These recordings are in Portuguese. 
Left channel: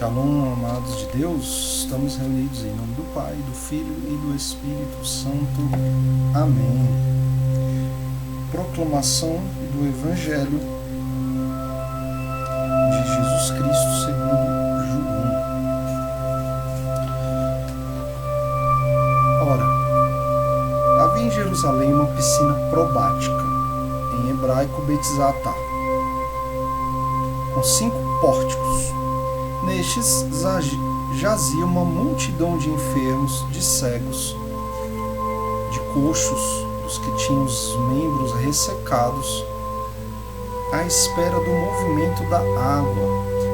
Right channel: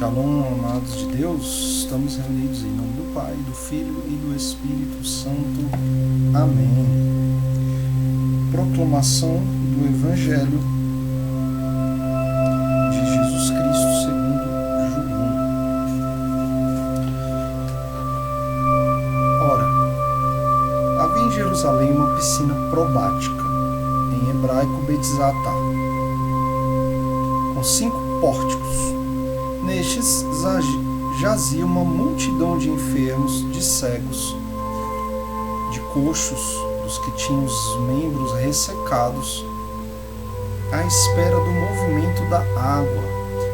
Shalom, amados de Deus, estamos reunidos em nome do Pai, do Filho e do Espírito Santo. Amém. Proclamação do Evangelho de Jesus Cristo segundo João. Ora, havia em Jerusalém uma piscina probática, em hebraico Betzatá, com 5 pórticos. Nestes jazia uma multidão de enfermos, de cegos, de coxos, dos que tinham os membros ressecados, à espera do movimento da água,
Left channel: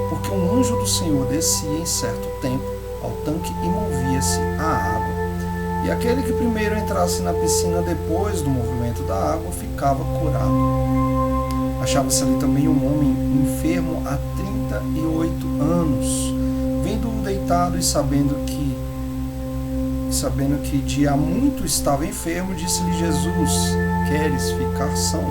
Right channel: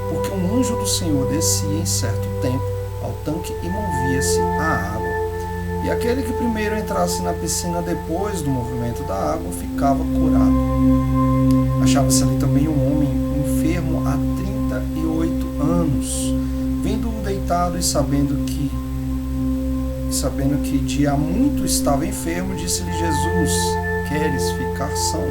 porque um anjo do Senhor descia em certo tempo ao tanque e movia-se a água. E aquele que primeiro entrasse na piscina depois do movimento da água ficava curado. Achava-se ali também um homem enfermo há 38 anos. Vendo-o deitado e sabendo que de há muito estava enfermo, disse-lhe Jesus: queres ficar são?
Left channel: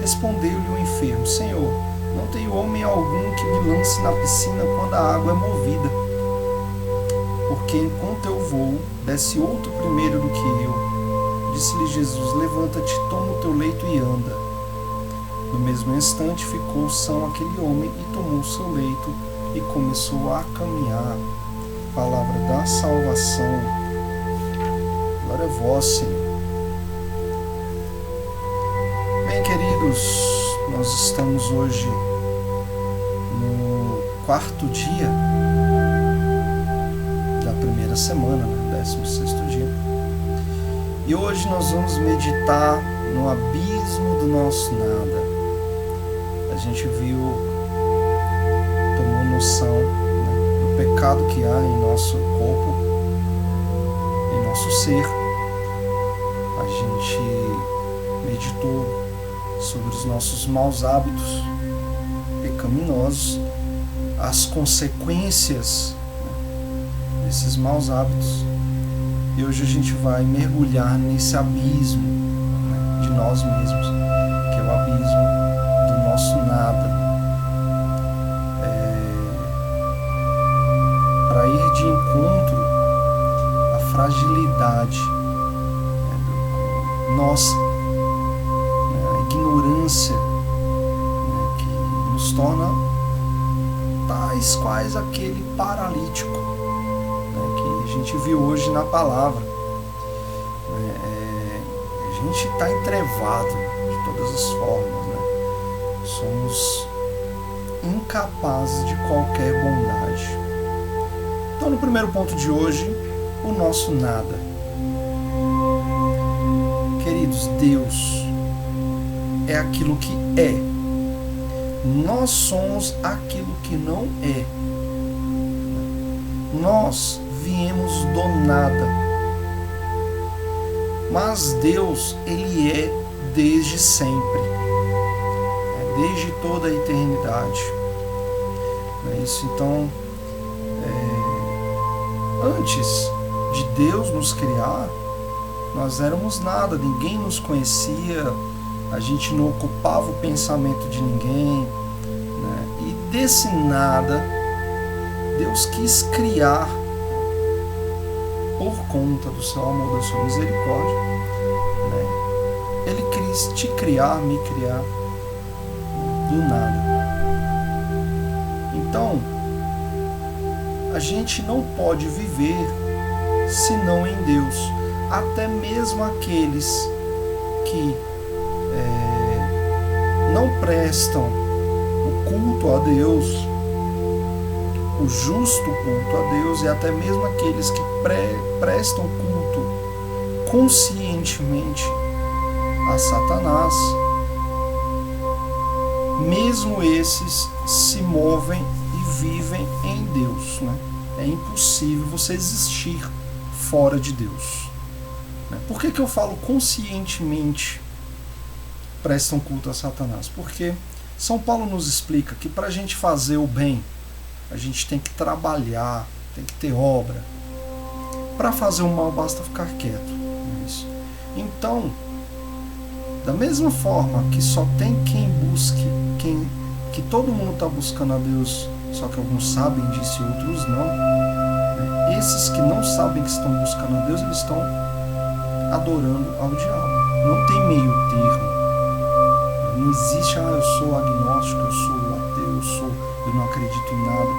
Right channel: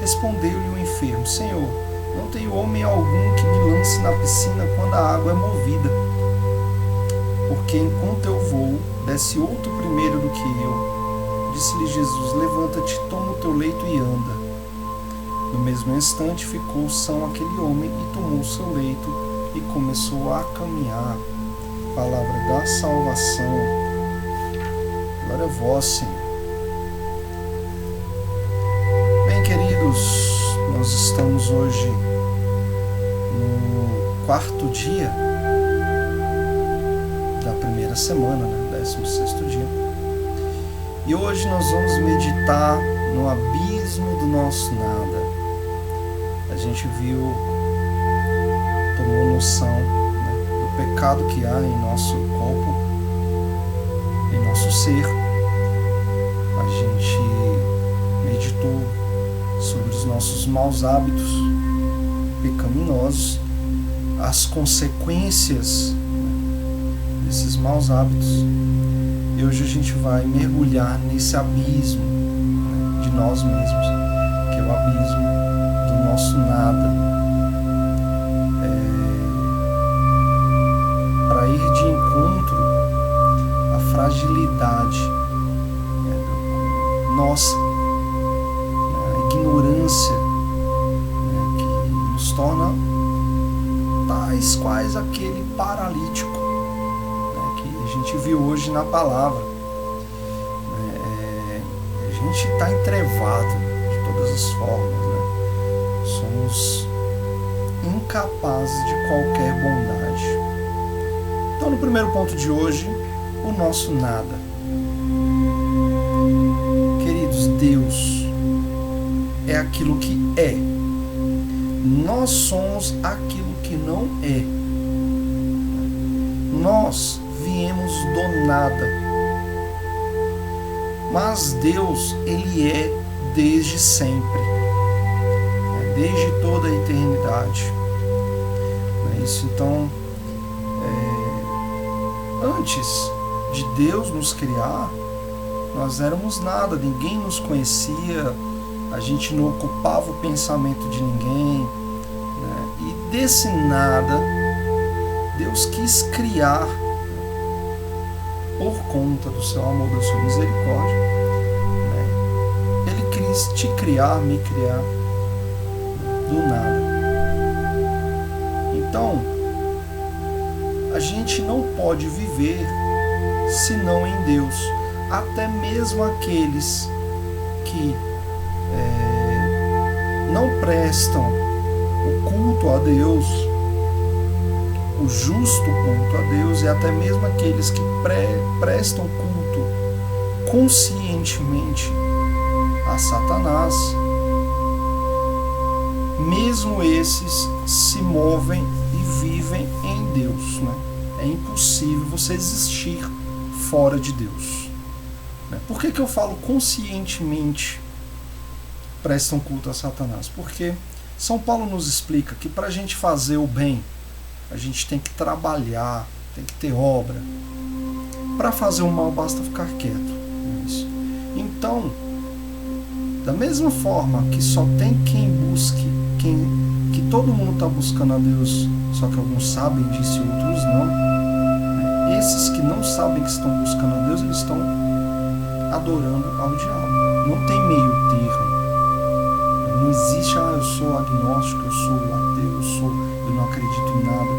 Respondeu-lhe o enfermo: Senhor, não tenho homem algum que me lance na piscina quando a água é movida. Porque enquanto eu vou, desce outro primeiro do que eu. Disse-lhe Jesus: levanta-te, toma o teu leito e anda. No mesmo instante ficou são aquele homem e tomou o seu leito e começou a caminhar. Palavra da salvação. Glória a vós, Senhor. Bem, queridos, nós estamos hoje no 4º dia da primeira semana, 16º dia. E hoje nós vamos meditar no abismo do nosso nada. A gente viu, tomou noção, do pecado que há em nosso corpo, em nosso ser. A gente meditou sobre os nossos maus hábitos pecaminosos, as consequências desses maus hábitos. E hoje a gente vai mergulhar nesse abismo de nós mesmos, que é o abismo do nosso nada, para ir de encontro à fragilidade nossa, a ignorância que nos torna tais quais aquele paralítico que a gente viu hoje na palavra. A gente está entrevado de todas as formas, somos incapazes de qualquer bondade. Então, no primeiro ponto de hoje, o nosso nada. Queridos, Deus é aquilo que é. Nós somos aquilo que não é. Nós viemos do nada. Mas Deus, Ele é desde sempre. Desde toda a eternidade. Não é isso? Então, antes de Deus nos criar, nós éramos nada, ninguém nos conhecia, a gente não ocupava o pensamento de ninguém, e desse nada, Deus quis criar, por conta do seu amor, da sua misericórdia, Ele quis te criar, me criar, do nada. Então, a gente não pode viver senão em Deus. Até mesmo aqueles que não prestam o culto a Deus, o justo culto a Deus, e até mesmo aqueles que prestam culto conscientemente a Satanás, mesmo esses se movem e vivem em Deus. É impossível você existir fora de Deus. Por que eu falo conscientemente prestam culto a Satanás? Porque São Paulo nos explica que para a gente fazer o bem, a gente tem que trabalhar, tem que ter obra. Para fazer o mal basta ficar quieto. Então, da mesma forma que só tem quem busque, quem que todo mundo está buscando a Deus, só que alguns sabem disso e outros não, né? Esses que não sabem que estão buscando a Deus, eles estão adorando ao diabo. Não tem meio termo. Não existe, eu sou agnóstico, eu sou ateu, eu não acredito em nada.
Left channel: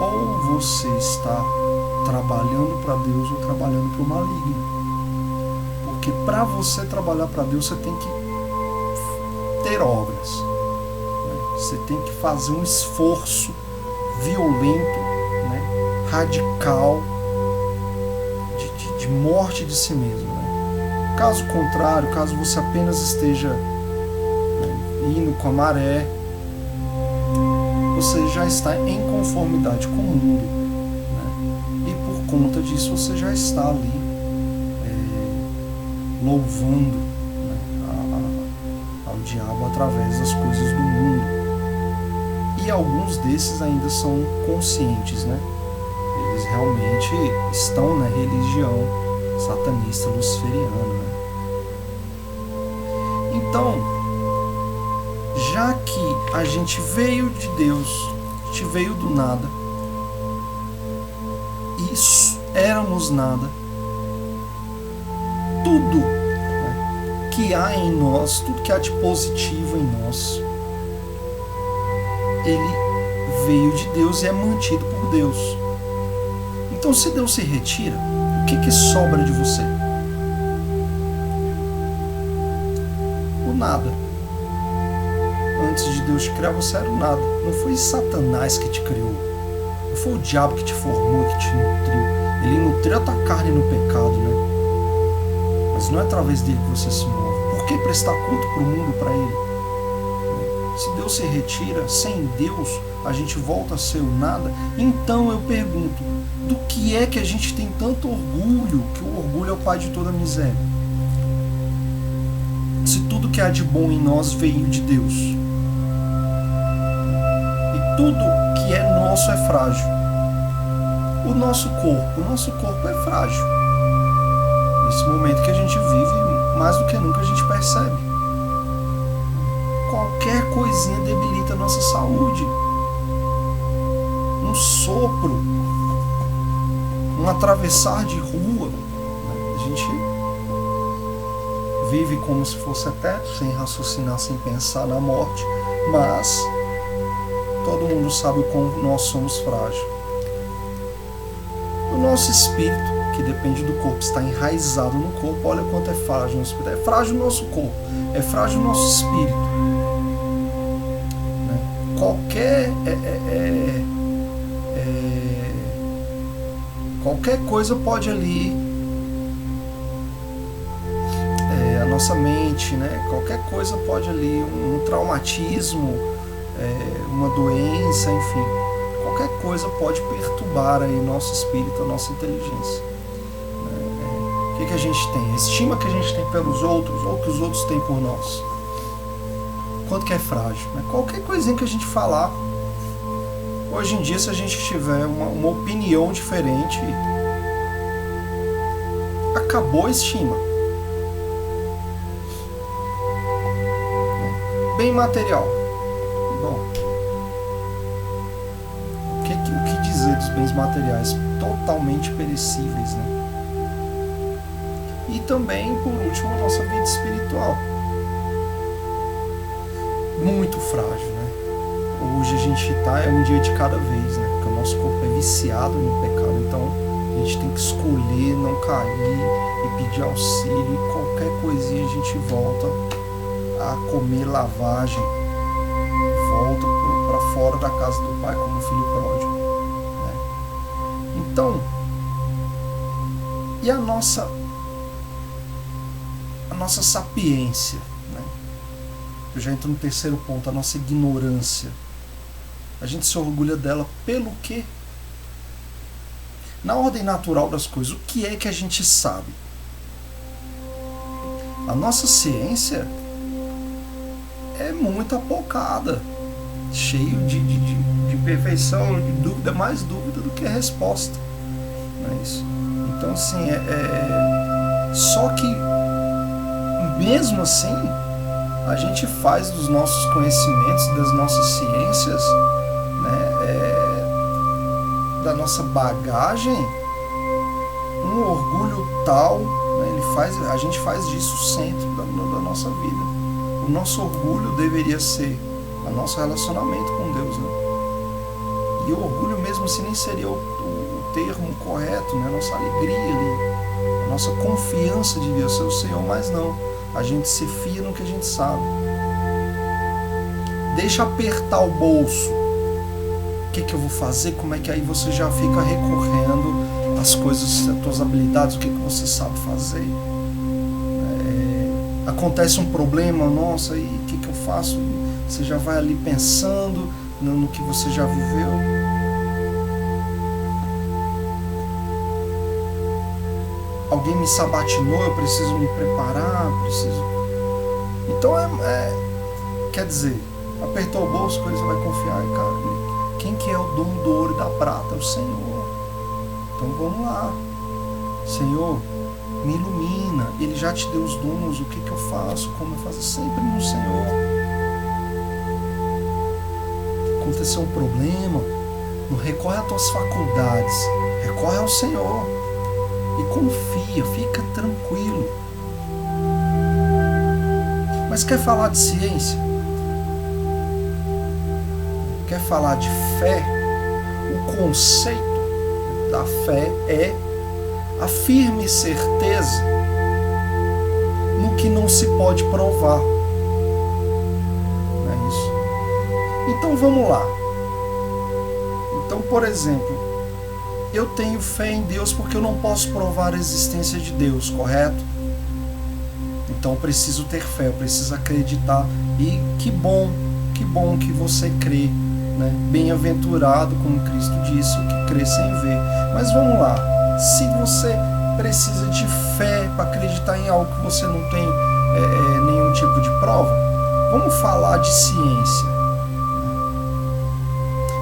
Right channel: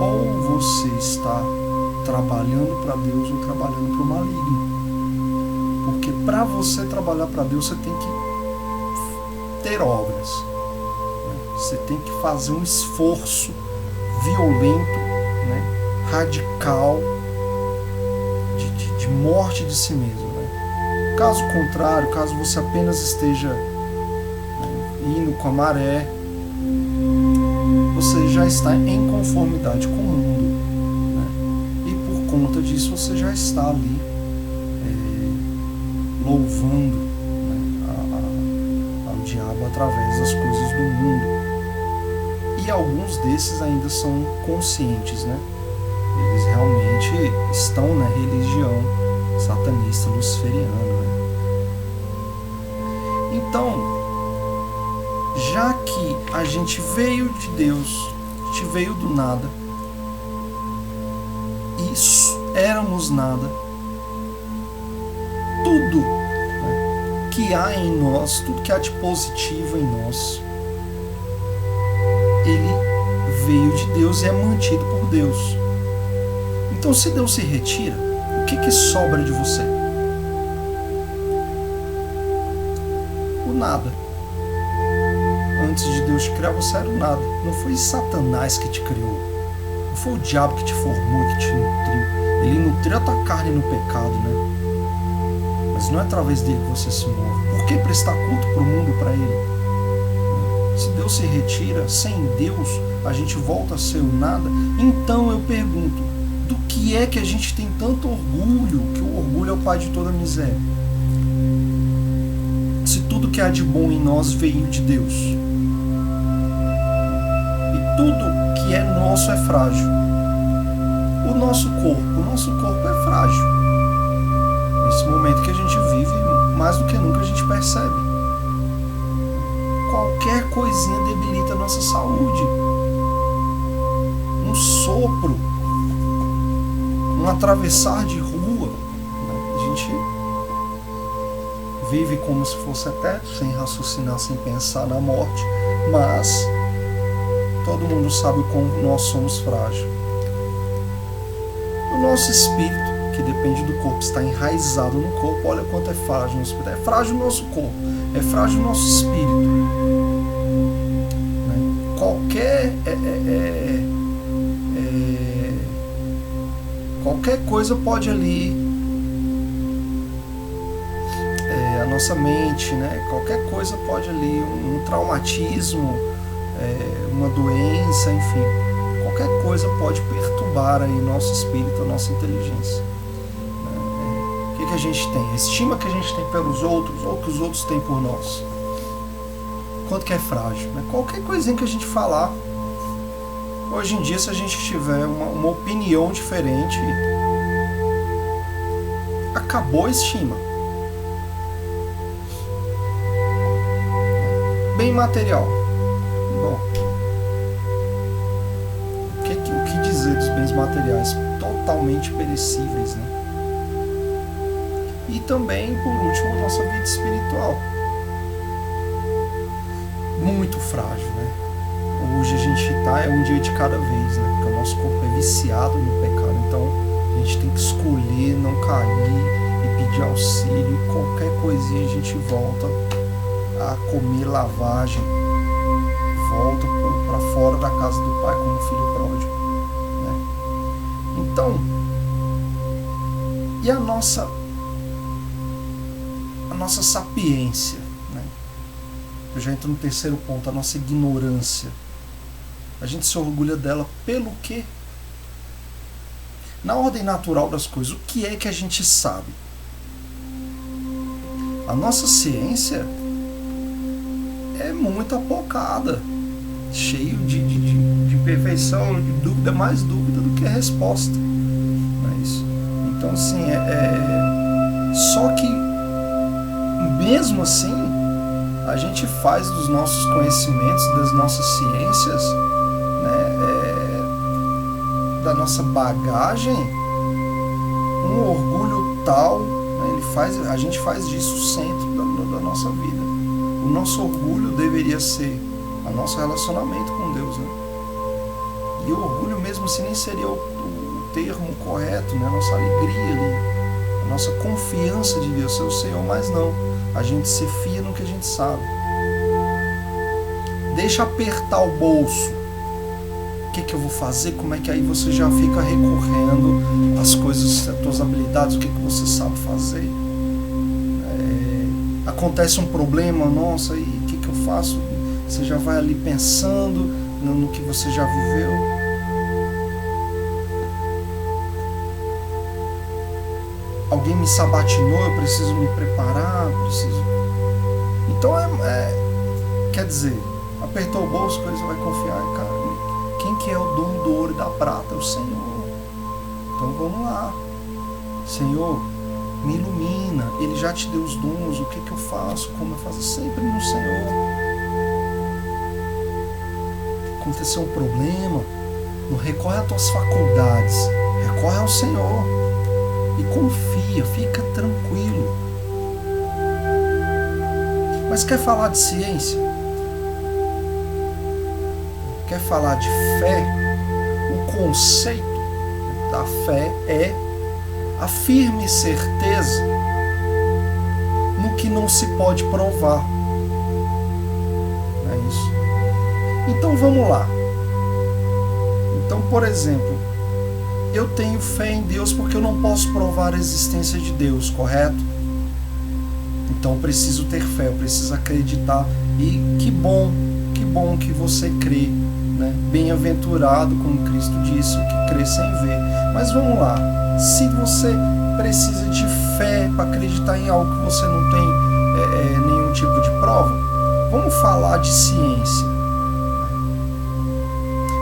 Ou você está trabalhando para Deus ou trabalhando para o maligno. Porque para você trabalhar para Deus, você tem que ter obras, né? Você tem que fazer um esforço violento, né? Radical, de morte de si mesmo, né? Caso contrário, caso você apenas esteja, né, indo com a maré, você já está em conformidade com o mundo, né? E por conta disso você já está ali louvando, né, ao diabo através das coisas do mundo. E alguns desses ainda são conscientes, né? Eles realmente estão na religião satanista luciferiana, né? Então, já que a gente veio de Deus, a gente veio do nada, e éramos nada, tudo, né, que há em nós, tudo que há de positivo em nós, ele veio de Deus e é mantido por Deus. Então, se Deus se retira, o que sobra de você? O nada. Antes de Deus te criar, você era o nada. Não foi Satanás que te criou. Não foi o diabo que te formou, que te nutriu. Ele nutriu a tua carne no pecado, né? Mas não é através dele que você se move. Por que prestar culto para o mundo, para ele? Se Deus se retira, sem Deus a gente volta a ser o nada. Então eu pergunto, do que é que a gente tem tanto orgulho, que o orgulho é o pai de toda miséria? Se tudo que há de bom em nós veio de Deus, e tudo que é nosso é frágil. O nosso corpo é frágil. Nesse momento que a gente vive, mais do que nunca a gente percebe. Qualquer coisinha debilita a nossa saúde. Um sopro, um atravessar de rua, né? A gente vive como se fosse eterno, sem raciocinar, sem pensar na morte, mas todo mundo sabe o quão nós somos frágeis. O nosso espírito, que depende do corpo, está enraizado no corpo. Olha quanto é frágil o nosso espírito. É frágil o nosso corpo, é frágil o nosso espírito, né? Qualquer coisa pode ali, a nossa mente, né? Qualquer coisa pode ali, um traumatismo, uma doença, enfim, qualquer coisa pode perturbar aí nosso espírito, a nossa inteligência. O que a gente tem? A estima que a gente tem pelos outros ou que os outros têm por nós. Quanto que é frágil, né? Qualquer coisinha que a gente falar, hoje em dia, se a gente tiver uma opinião diferente, acabou a estima. Bem material. Bom, o que dizer dos bens materiais totalmente perecíveis, né? E também, por último, a nossa vida espiritual. Muito frágil, né? Hoje a gente é um dia de cada vez, né? Porque o nosso corpo é viciado no pecado, então a gente tem que escolher não cair e pedir auxílio, e qualquer coisinha a gente volta a comer lavagem, volta para fora da casa do pai como filho pródigo, né? Então, e a nossa sapiência, né? Eu já entro no terceiro ponto, a nossa ignorância. A gente se orgulha dela pelo quê? Na ordem natural das coisas, o que é que a gente sabe? A nossa ciência é muito apocada, cheio de imperfeição, de dúvida, mais dúvida do que a resposta. Não é isso? Então, assim, só que mesmo assim a gente faz dos nossos conhecimentos, das nossas ciências, né, da nossa bagagem, um orgulho tal, né, a gente faz disso o centro da nossa vida. O nosso orgulho deveria ser o nosso relacionamento com Deus, né? E o orgulho mesmo assim nem seria o termo correto, né? A nossa alegria ali, a nossa confiança de Deus ser o Senhor, mas não. A gente se fia no que a gente sabe. Deixa apertar o bolso. O que eu vou fazer? Como é que aí você já fica recorrendo às coisas, às tuas habilidades, o que você sabe fazer? Acontece um problema, nossa, e o que eu faço? Você já vai ali pensando no que você já viveu. Alguém me sabatinou, eu preciso me preparar, Então quer dizer, apertou o bolso, coisa vai confiar, cara. Quem que é o dono do ouro e da prata? É o Senhor. Então vamos lá. Senhor, me ilumina. Ele já te deu os dons, o que eu faço, como eu faço? Sempre no Senhor. Aconteceu um problema, não recorre às tuas faculdades, recorre ao Senhor. E confia, fica tranquilo. Mas quer falar de ciência? Quer falar de fé? O conceito da fé é a firme certeza no que não se pode provar. Não é isso? Então vamos lá. Então, por exemplo, eu tenho fé em Deus porque eu não posso provar a existência de Deus, correto? Então eu preciso ter fé, eu preciso acreditar. E que bom que você crê, né? Bem-aventurado, como Cristo disse, o que crê sem ver. Mas vamos lá, se você precisa de fé para acreditar em algo que você não tem nenhum tipo de prova, vamos falar de ciência.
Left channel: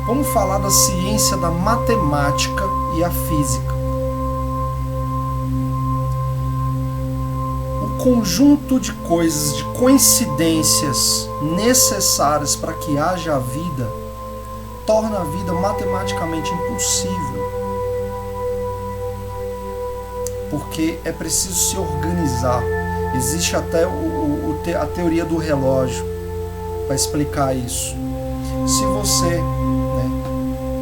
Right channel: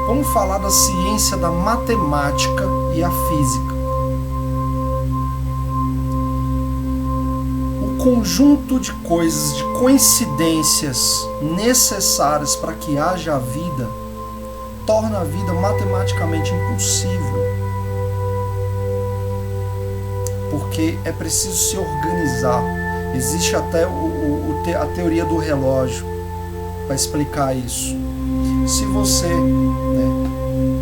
Vamos falar da ciência da matemática e a física. O conjunto de coisas, de coincidências necessárias para que haja a vida, torna a vida matematicamente impossível. Porque é preciso se organizar. Existe até a teoria do relógio para explicar isso. Se você...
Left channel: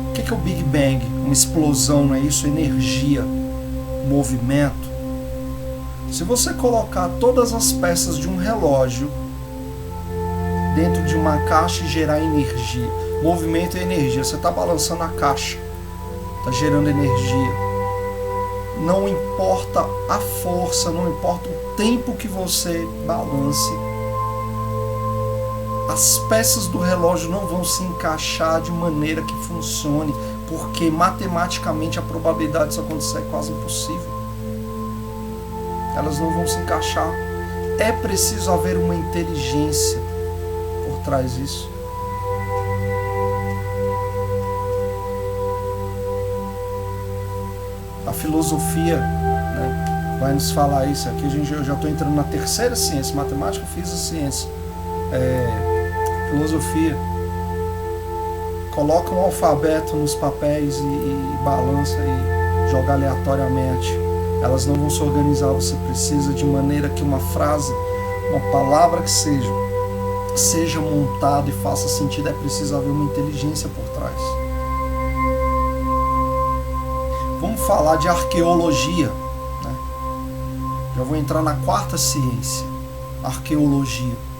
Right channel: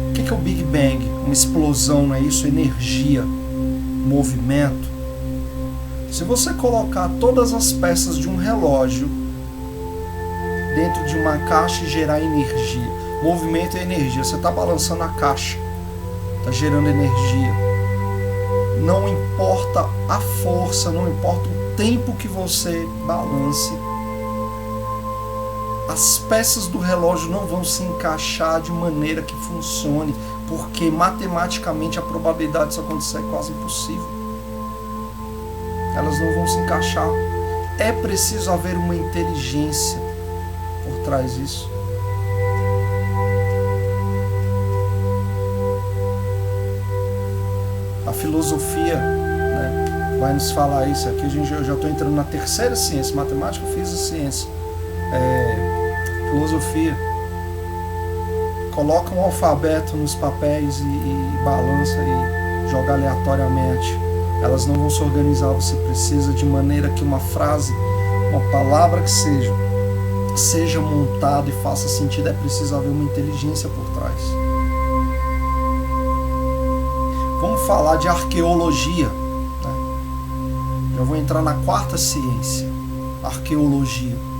O que é o Big Bang? Uma explosão, não é isso? Energia, movimento. Se você colocar todas as peças de um relógio dentro de uma caixa e gerar energia, movimento é energia, você está balançando a caixa, está gerando energia. Não importa a força, não importa o tempo que você balance, as peças do relógio não vão se encaixar de maneira que funcione, porque matematicamente a probabilidade disso acontecer é quase impossível. Elas não vão se encaixar. É preciso haver uma inteligência por trás disso. A filosofia, né, vai nos falar isso. Aqui eu já estou entrando na terceira ciência, matemática, física e ciência. Filosofia coloca um alfabeto nos papéis e balança e joga aleatoriamente. Elas não vão se organizar. Você precisa de maneira que uma frase, uma palavra que seja montada e faça sentido. É preciso haver uma inteligência por trás. Vamos falar de arqueologia, né? Já vou entrar na quarta ciência, arqueologia.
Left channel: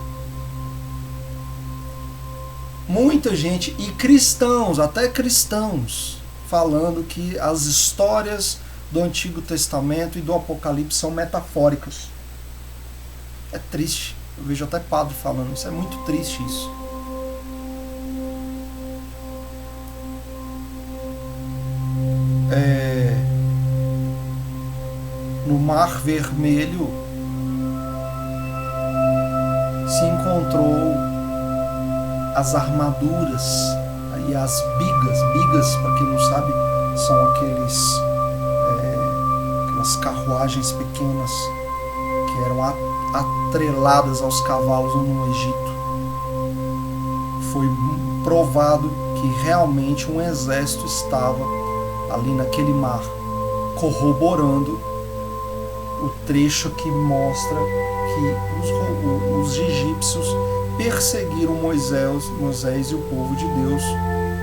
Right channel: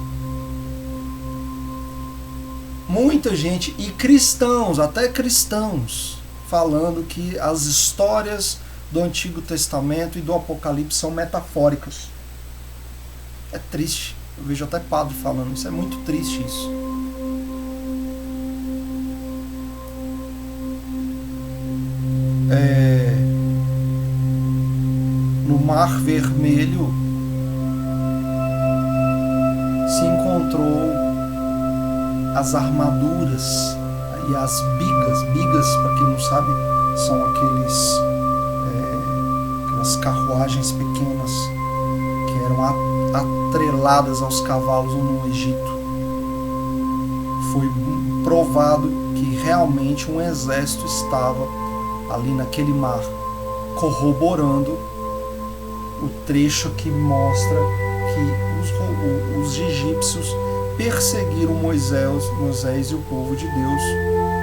Muita gente, e cristãos, até cristãos, falando que as histórias do Antigo Testamento e do Apocalipse são metafóricas. É triste. Eu vejo até padre falando isso. É muito triste isso. No Mar Vermelho se encontrou as armaduras e as bigas. Bigas, para quem não sabe, são aquelas carruagens pequenas que eram atreladas aos cavalos no Egito. Foi provado que realmente um exército estava ali naquele mar, corroborando o trecho que mostra que os egípcios perseguiram Moisés e o povo de Deus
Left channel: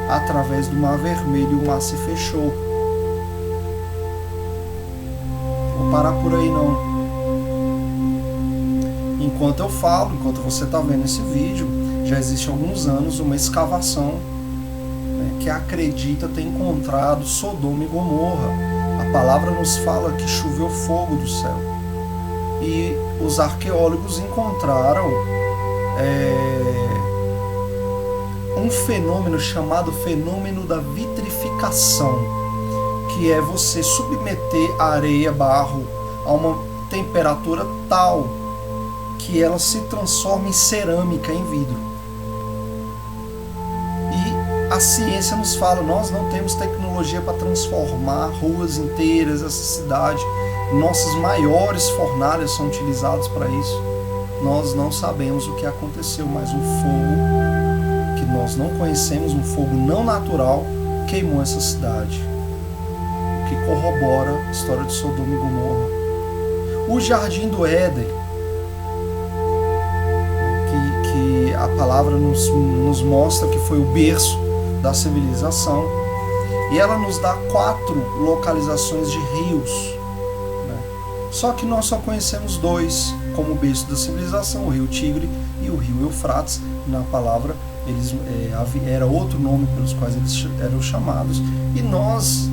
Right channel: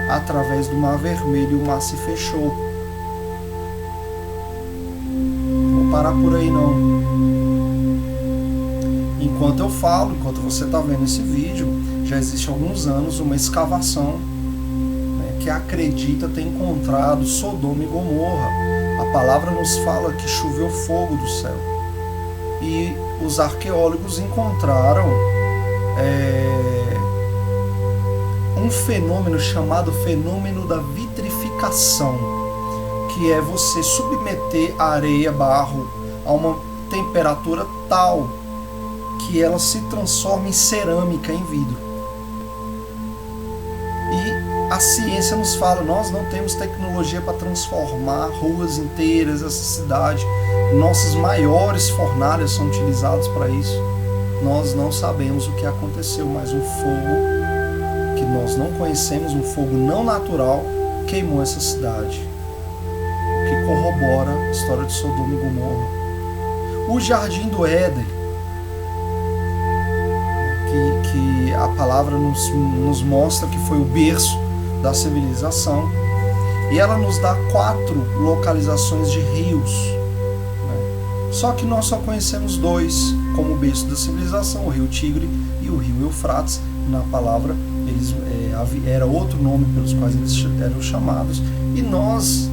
através do Mar Vermelho, e o mar se fechou. Vou parar por aí não. Enquanto eu falo, enquanto você está vendo esse vídeo, já existe há alguns anos uma escavação, né, que acredita ter encontrado Sodoma e Gomorra. A palavra nos fala que choveu fogo do céu. E os arqueólogos encontraram um fenômeno chamado fenômeno da vitrificação, que é você submeter a areia, barro, a uma temperatura tal que ela se transforma em cerâmica, em vidro. E a ciência nos fala, nós não temos tecnologia para transformar ruas inteiras, essa cidade. Nossas maiores fornalhas são utilizadas para isso. Nós não sabemos o que aconteceu, mas um fogo que nós não conhecemos, um fogo não natural, queimou essa cidade. O que corrobora a história de Sodoma e Gomorra. O Jardim do Éden, que a palavra nos mostra que foi o berço da civilização, e ela nos dá 4 localizações de rios, né? Só que nós só conhecemos 2 como o berço da civilização, o rio Tigre e o rio Eufrates. Na palavra era outro nome pelos quais eles eram chamados, e nós,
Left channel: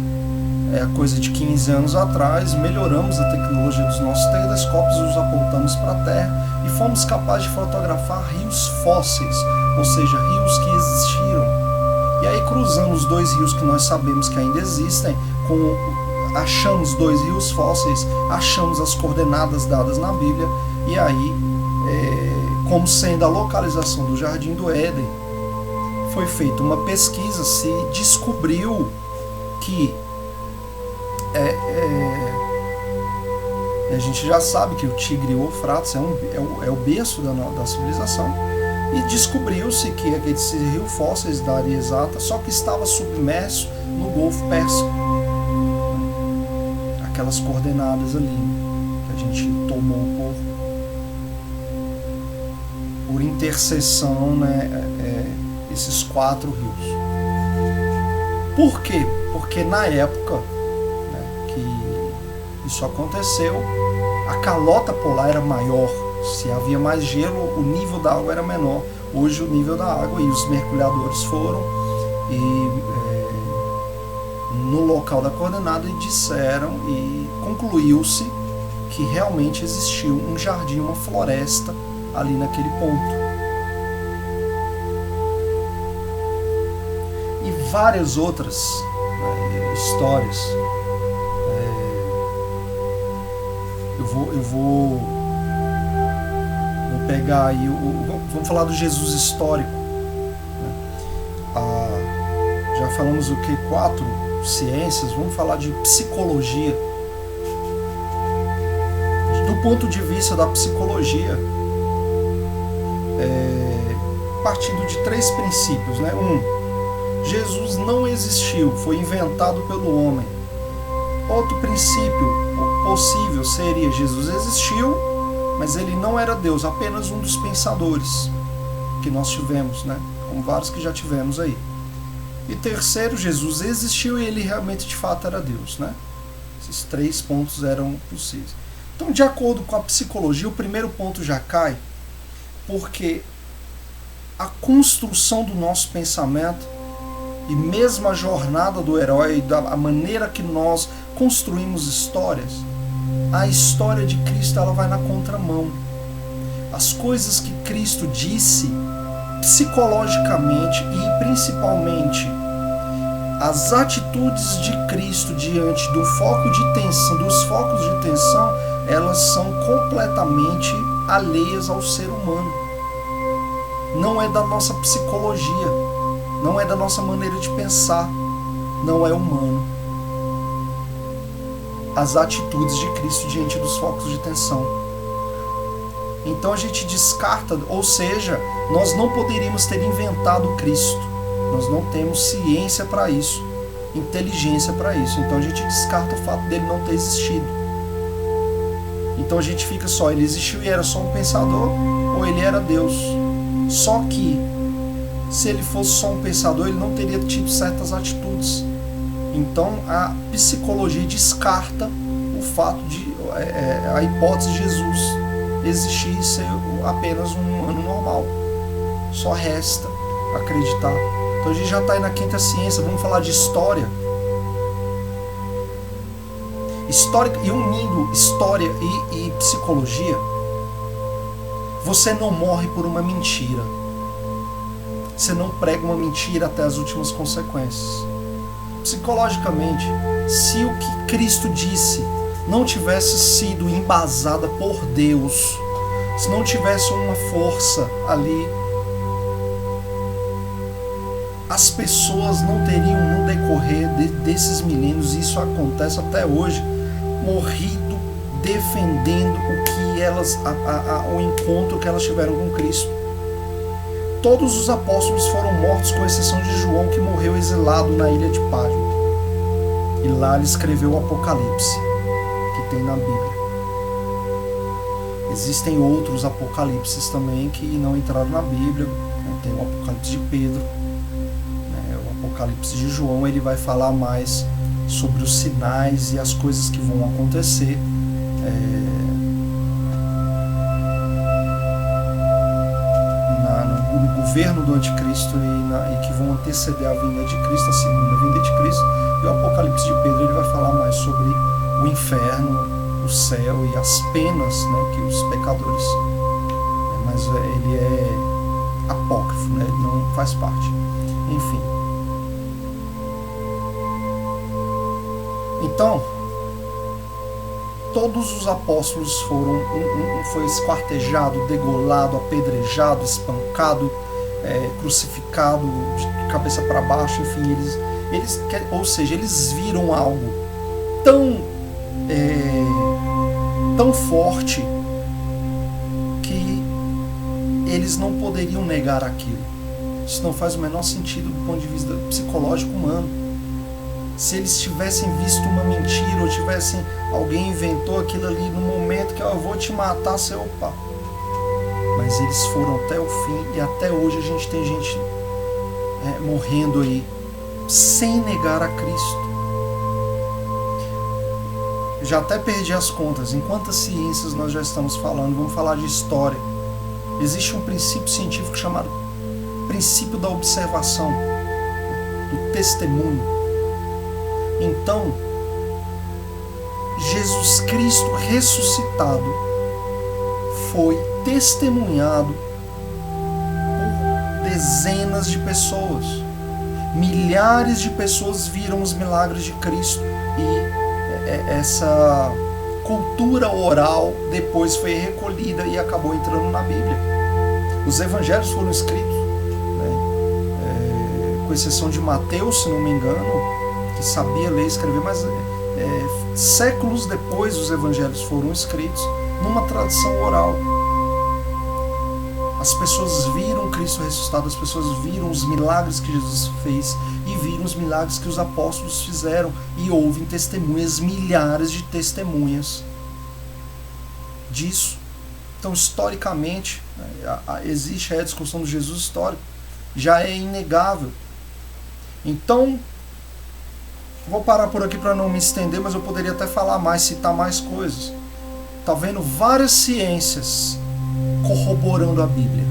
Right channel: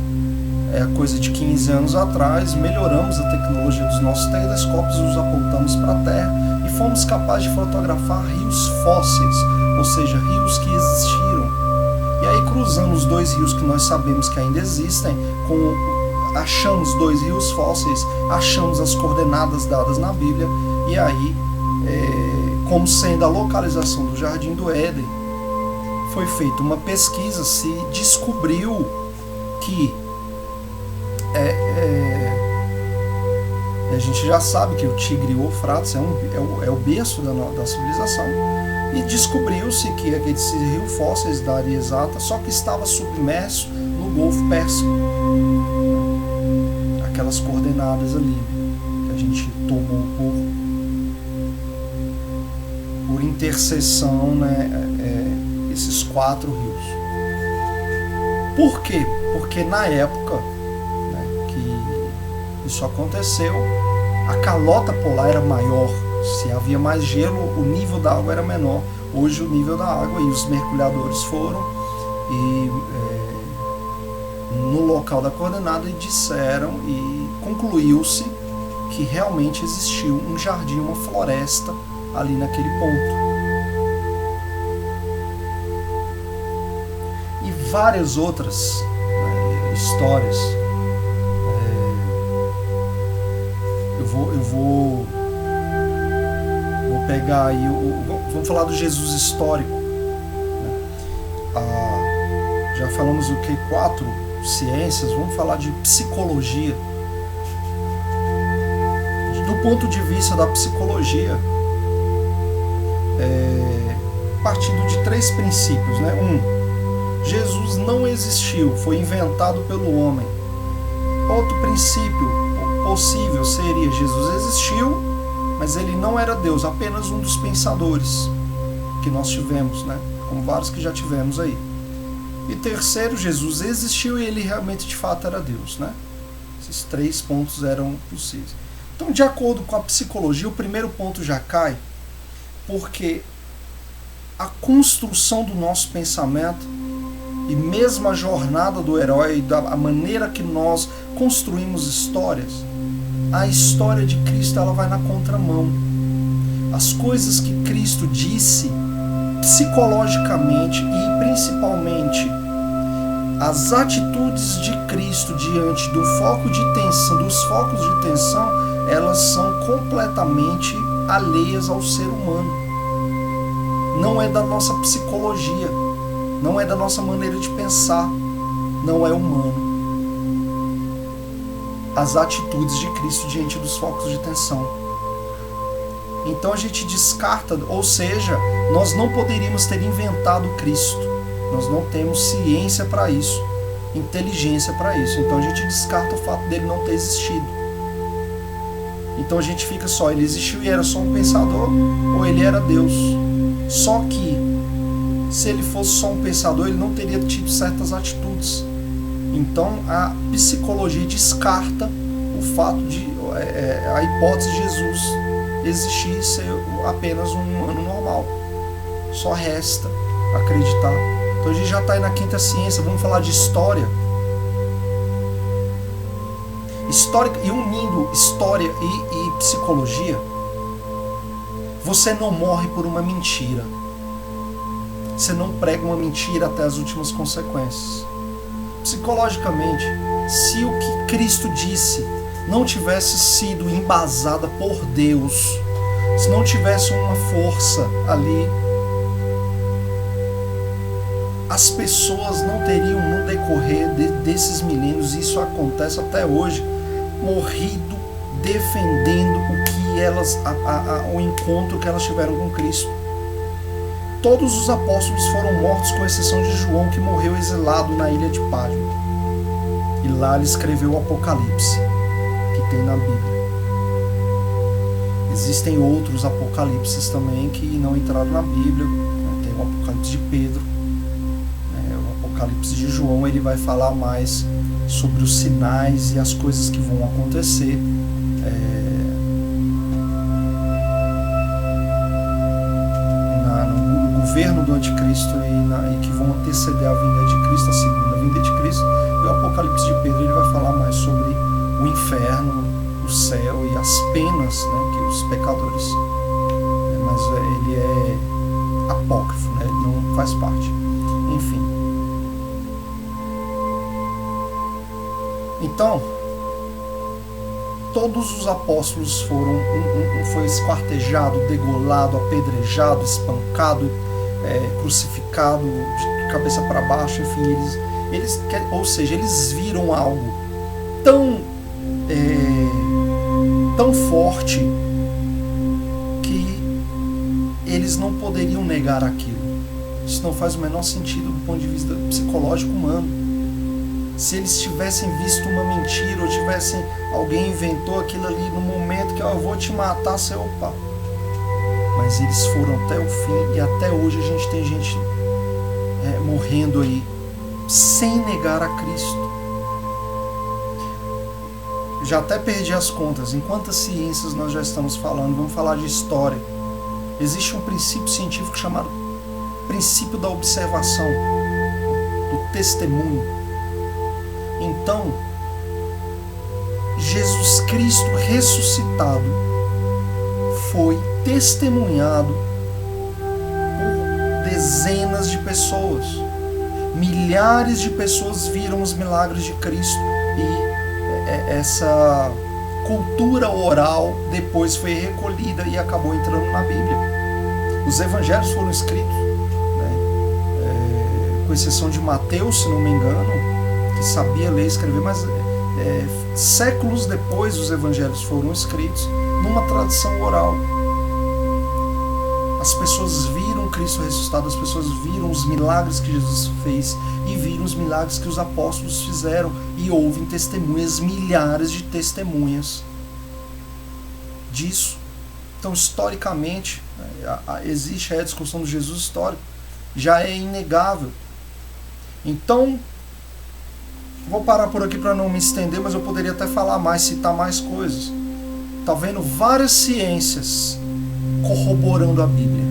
coisa de 15 anos atrás, melhoramos a tecnologia dos nossos telescópios, os apontamos para a Terra e fomos capazes de fotografar rios fósseis, ou seja, rios que existiram. E aí, cruzando os 2 rios que nós sabemos que ainda existem, achamos 2 rios fósseis, achamos as coordenadas dadas na Bíblia, e aí, como sendo a localização do Jardim do Éden, foi feita uma pesquisa, se descobriu que a gente já sabe que o Tigre e o Eufrates é o berço da civilização, e descobriu-se que esse rio fósseis da área exata, só que estava submerso no Golfo Pérsico. Aquelas coordenadas ali, né, que a gente tomou por interseção, né, esses 4 rios. Por quê? Porque na época, né, que isso aconteceu, a calota polar era maior. Se havia mais gelo, o nível da água era menor. Hoje o nível da água, e os mergulhadores foram no local da coordenada e disseram, e concluiu-se que realmente existiu um jardim, uma floresta ali naquele ponto. E várias outras, né, histórias. Eu vou pegar aí, vamos falar do Jesus histórico, né? Já falamos o que? 4 ciências, vamos falar de psicologia. Do ponto de vista da psicologia, partindo de 3 princípios, né? 1. Jesus não existiu, foi inventado pelo homem. Outro princípio possível seria: Jesus existiu, mas ele não era Deus, apenas um dos pensadores que nós tivemos, né? Como vários que já tivemos aí. E terceiro, Jesus existiu e ele realmente de fato era Deus, né? Esses 3 pontos eram possíveis. Então, de acordo com a psicologia, o primeiro ponto já cai, porque a construção do nosso pensamento e mesmo a jornada do herói, a maneira que nós construímos histórias, a história de Cristo, ela vai na contramão. As coisas que Cristo disse psicologicamente, e principalmente as atitudes de Cristo diante do foco de tensão, dos focos de tensão, elas são completamente alheias ao ser humano. Não é da nossa psicologia, não é da nossa maneira de pensar, não é humano. as atitudes de Cristo diante dos focos de tensão. 1 João 4,16 diz: Então a gente descarta, ou seja, nós não poderíamos ter inventado Cristo. Nós não temos ciência para isso, inteligência para isso. Então a gente descarta o fato dele não ter existido. Então a gente fica só, ele existiu e era só um pensador, ou ele era Deus. Só que, se ele fosse só um pensador, ele não teria tido certas atitudes. Então a psicologia descarta o fato de a hipótese de Jesus existir e ser apenas um humano normal. Só resta acreditar. Então a gente já está aí na quinta ciência. Vamos falar de história. História e unindo história e psicologia, você não morre por uma mentira. Você não prega uma mentira até as últimas consequências. Psicologicamente, se o que Cristo disse não tivesse sido embasada por Deus, se não tivesse uma força ali, as pessoas não teriam, no decorrer desses milênios, isso acontece até hoje, morrido defendendo o que elas, o encontro que elas tiveram com Cristo. Todos os apóstolos foram mortos, com exceção de João, que morreu exilado na ilha de Patmos. E lá ele escreveu o Apocalipse, que tem na Bíblia. Existem outros apocalipses também que não entraram na Bíblia. Tem o Apocalipse de Pedro, o Apocalipse de João, ele vai falar mais sobre os sinais e as coisas que vão acontecer no governo do anticristo e que vão anteceder a vinda de Cristo, a segunda vinda de Cristo. E o Apocalipse de Pedro, ele vai falar mais sobre o inferno, o céu e as penas, que os pecadores, mas ele é apócrifo, ele não faz parte. Enfim, então todos os apóstolos foi esquartejado, degolado, apedrejado, espancado, crucificado de cabeça para baixo. Enfim, ou seja, eles viram algo tão forte que eles não poderiam negar aquilo. Isso não faz o menor sentido do ponto de vista psicológico humano. Se eles tivessem visto uma mentira, ou alguém inventou aquilo ali no momento que eu vou te matar, opa. Mas eles foram até o fim, e até hoje a gente tem gente morrendo aí sem negar a Cristo. Já até perdi as contas. Em quantas ciências nós já estamos falando? Vamos falar de história. Existe um princípio científico chamado princípio da observação, do testemunho. Então, Jesus Cristo ressuscitado foi testemunhado por dezenas de pessoas. Milhares de pessoas viram os milagres de Cristo, e essa cultura oral depois foi recolhida e acabou entrando na Bíblia. Os evangelhos foram escritos, com exceção de Mateus, se não me engano, que sabia ler e escrever, mas séculos depois os evangelhos foram escritos numa tradição oral. As pessoas viram Cristo ressuscitado, as pessoas viram os milagres que Jesus fez e viram os milagres que os apóstolos fizeram, e houve testemunhas, milhares de testemunhas disso. Então, historicamente, existe a discussão do Jesus histórico, já é inegável. Então, vou parar por aqui para não me estender, mas eu poderia até falar mais, citar mais coisas. Está vendo várias ciências corroborando a Bíblia.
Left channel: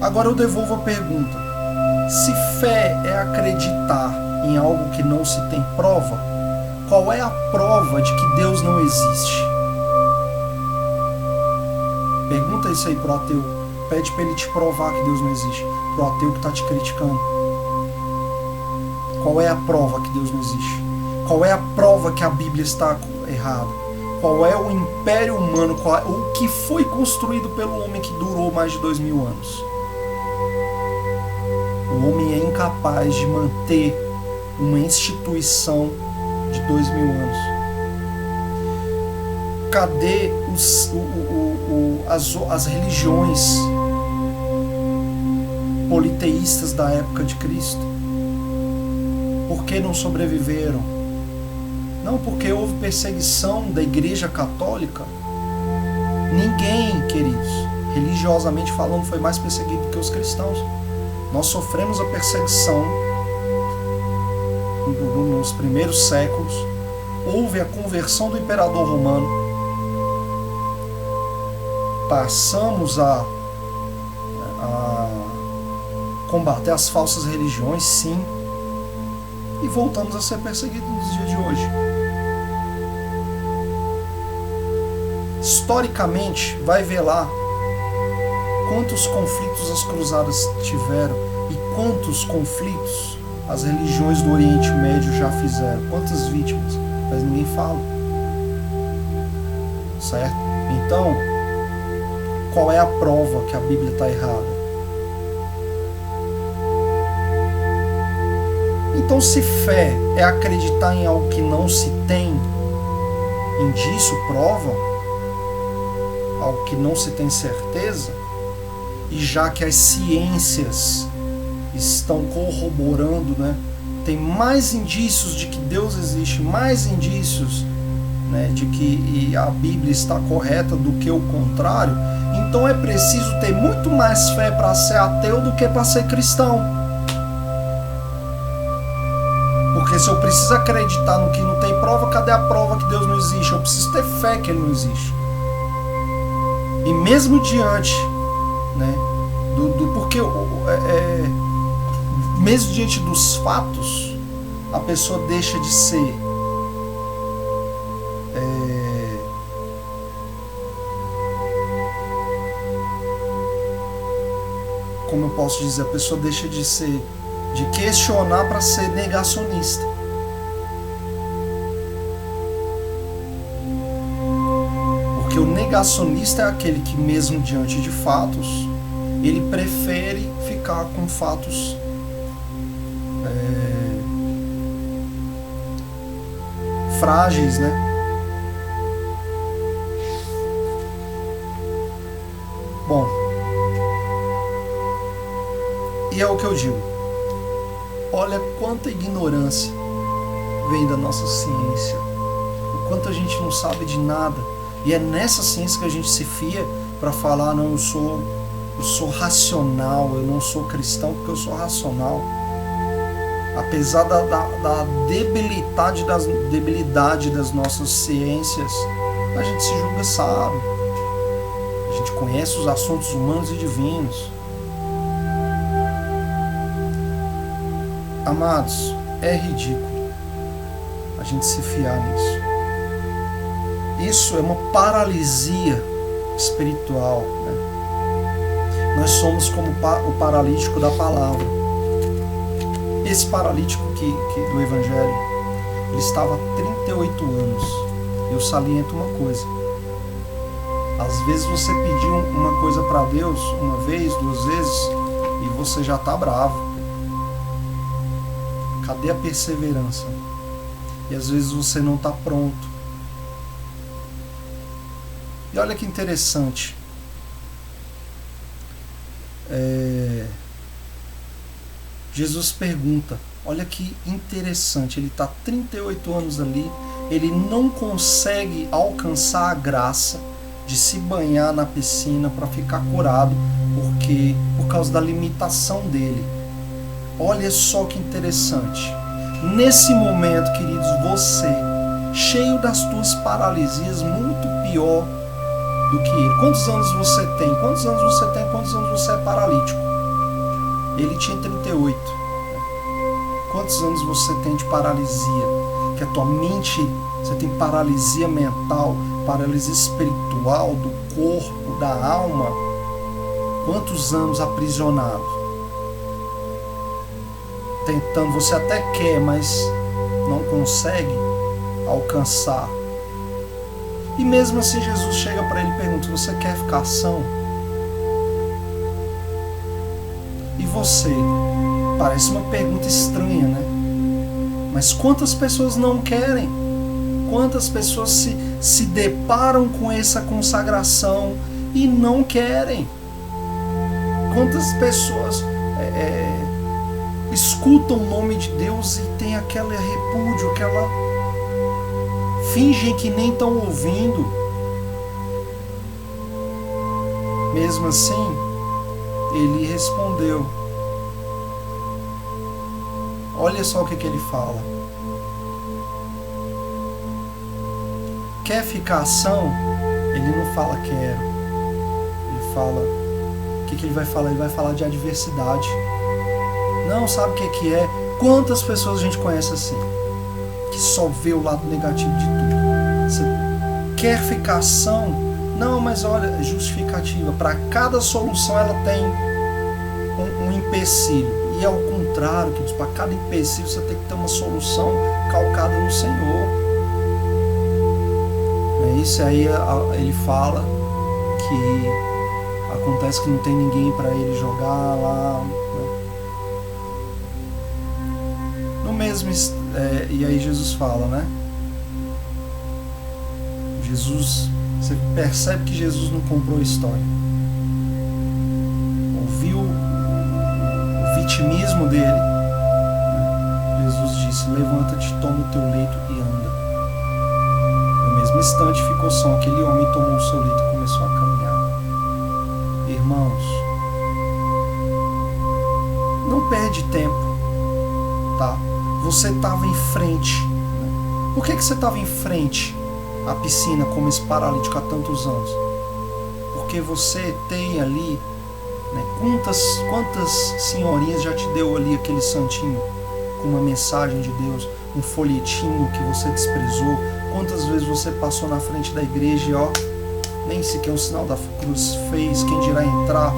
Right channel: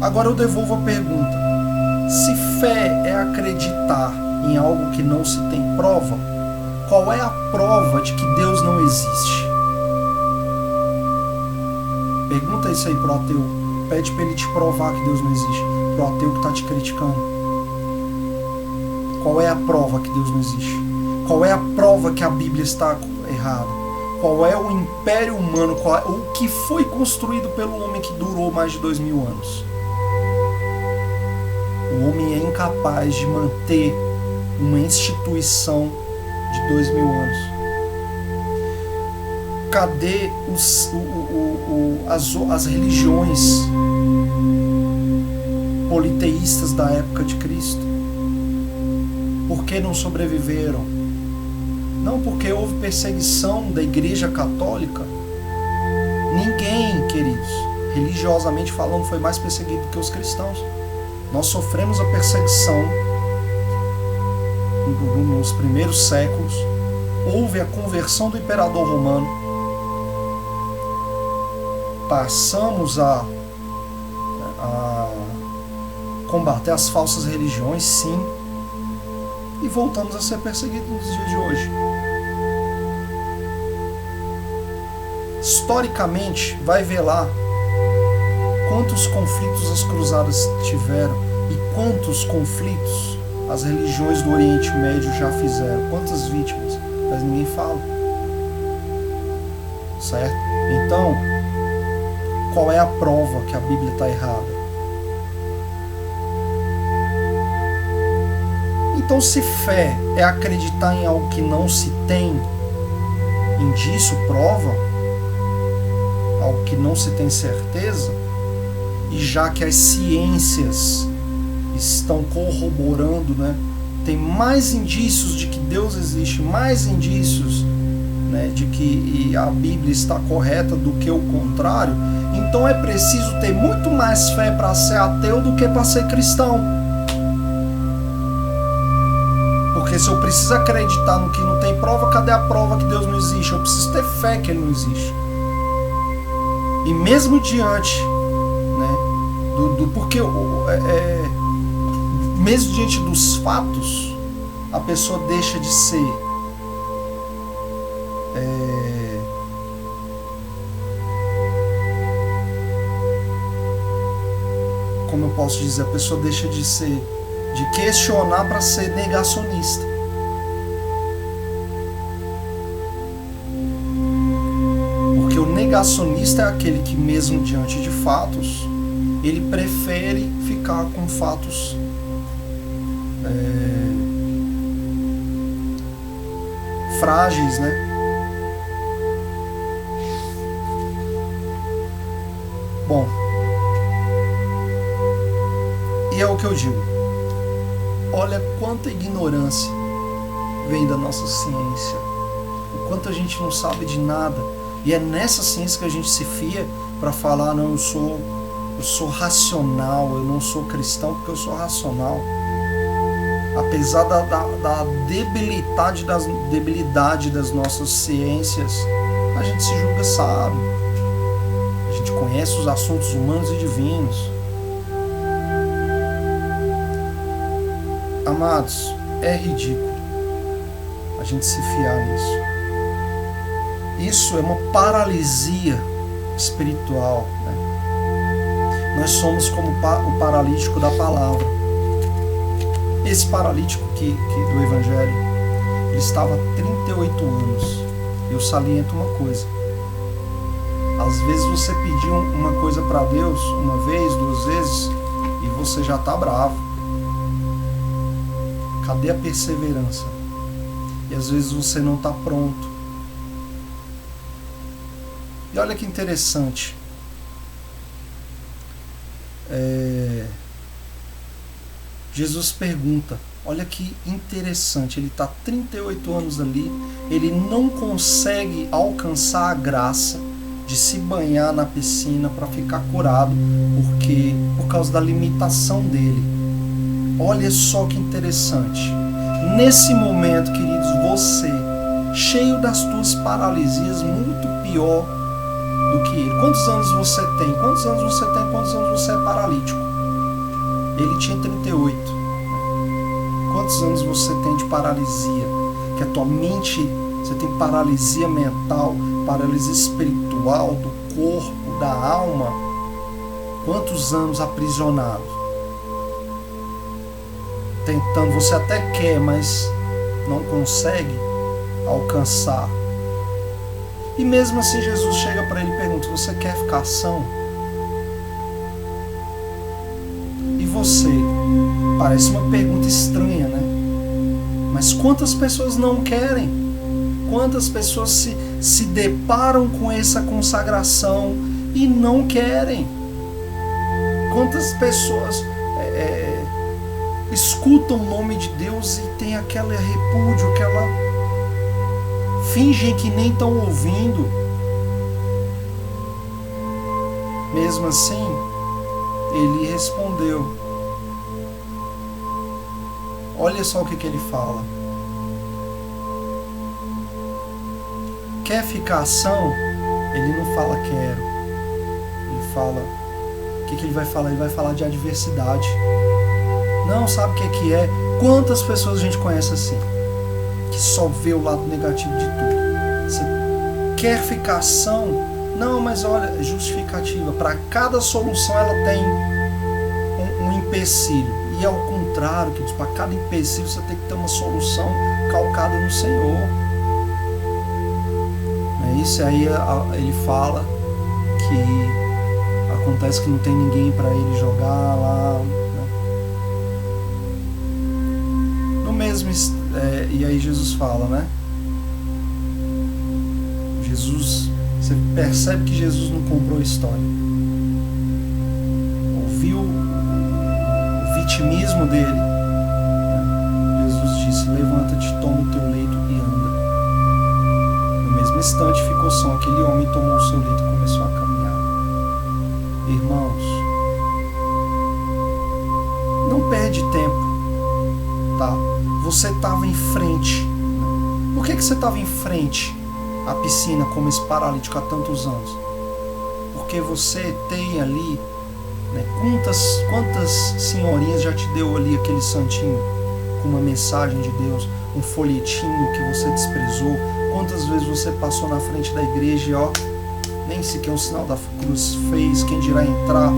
Agora eu devolvo a pergunta: se fé é acreditar em algo que não se tem prova, qual é a prova de que Deus não existe? Pergunta isso aí pro ateu. Pede para ele te provar que Deus não existe. Pro ateu que está te criticando. Qual é a prova que Deus não existe? Qual é a prova que a Bíblia está errada? Qual é o império humano? O que foi construído pelo homem que durou mais de 2000 anos? O homem é incapaz de manter uma instituição de 2000 anos. cadê as religiões politeístas da época de Cristo? Por que não sobreviveram? Não porque houve perseguição da Igreja Católica. Ninguém, queridos, religiosamente falando, foi mais perseguido que os cristãos. Nós sofremos a perseguição nos primeiros séculos. Houve a conversão do imperador romano. Passamos a combater as falsas religiões, sim. E voltamos a ser perseguidos nos dias de hoje. Historicamente, vai ver lá quantos conflitos as cruzadas tiveram e quantos conflitos as religiões do Oriente Médio já fizeram. Quantas vítimas, mas ninguém fala. Certo? Então, qual é a prova que a Bíblia está errada? Então, se fé é acreditar em algo que não se tem, indício, prova, algo que não se tem certeza, e já que as ciências estão corroborando, né, tem mais indícios de que Deus existe, mais indícios, né, de que a Bíblia está correta do que o contrário, então é preciso ter muito mais fé para ser ateu do que para ser cristão. Porque se eu preciso acreditar no que não tem prova, cadê a prova que Deus não existe? Eu preciso ter fé que Ele não existe. E mesmo diante, né, porque mesmo diante dos fatos, a pessoa deixa de ser como eu posso dizer, a pessoa deixa de questionar para ser negacionista. Porque o negacionista é aquele que, mesmo diante de fatos, ele prefere ficar com fatos frágeis, né? Bom, e é o que eu digo. Olha quanta ignorância vem da nossa ciência, o quanto a gente não sabe de nada, e é nessa ciência que a gente se fia para falar, não, eu sou racional, eu não sou cristão porque eu sou racional. Apesar da debilidade das nossas ciências, a gente se julga sábio, a gente conhece os assuntos humanos e divinos. Amados, é ridículo a gente se fiar nisso. Isso é uma paralisia espiritual, né? Nós somos como o paralítico da palavra. Esse paralítico do Evangelho, ele estava há 38 anos. Eu saliento uma coisa. Às vezes você pediu uma coisa para Deus, uma vez, duas vezes, e você já está bravo. Cadê a perseverança? E às vezes você não está pronto. E olha que interessante. Jesus pergunta, olha que interessante, ele está 38 anos ali, ele não consegue alcançar a graça de se banhar na piscina para ficar curado, por causa da limitação dele. Olha só que interessante. Nesse momento, queridos, você, cheio das tuas paralisias, muito pior do que ele. Quantos anos você tem? Quantos anos você tem? Quantos anos você é paralítico? Ele tinha 38. Quantos anos você tem de paralisia? Que a tua mente, você tem paralisia mental, paralisia espiritual, do corpo, da alma. Quantos anos aprisionado? Tentando, você até quer, mas não consegue alcançar. E mesmo assim Jesus chega para ele e pergunta, você quer ficar são? E você? Parece uma pergunta estranha, né? Mas quantas pessoas não querem? Quantas pessoas se deparam com essa consagração e não querem? Quantas pessoas escutam o nome de Deus e tem aquele repúdio, fingem que nem estão ouvindo? Mesmo assim, ele respondeu. Olha só o que ele fala. Quer ficação? Ele não fala quero. Ele fala... O que ele vai falar? Ele vai falar de adversidade. Não, sabe o que é? Quantas pessoas a gente conhece assim? Que só vê o lado negativo de tudo. Você quer ficação? Não, mas olha, justificativa. Para cada solução ela tem um empecilho. E ao contrário, queridos, para cada empecilho você tem que ter uma solução calcada no Senhor. É isso aí, ele fala que acontece que não tem ninguém para ele jogar lá, né? No mesmo, e aí Jesus fala, né? Você percebe que Jesus não comprou a história. Ouviu o vitimismo dele, né? Jesus disse: levanta-te, toma o teu leito e anda. No mesmo instante ficou som, aquele homem tomou o seu leito e começou a caminhar. Irmãos, não perde tempo, tá? Você estava em frente, né? Por que você estava em frente à piscina como esse paralítico há tantos anos? Porque você tem ali, né? Quantas senhorinhas já te deu ali aquele santinho com uma mensagem de Deus, um folhetinho que você desprezou? Quantas vezes você passou na frente da igreja e nem sequer um sinal da cruz fez, quem dirá entrar?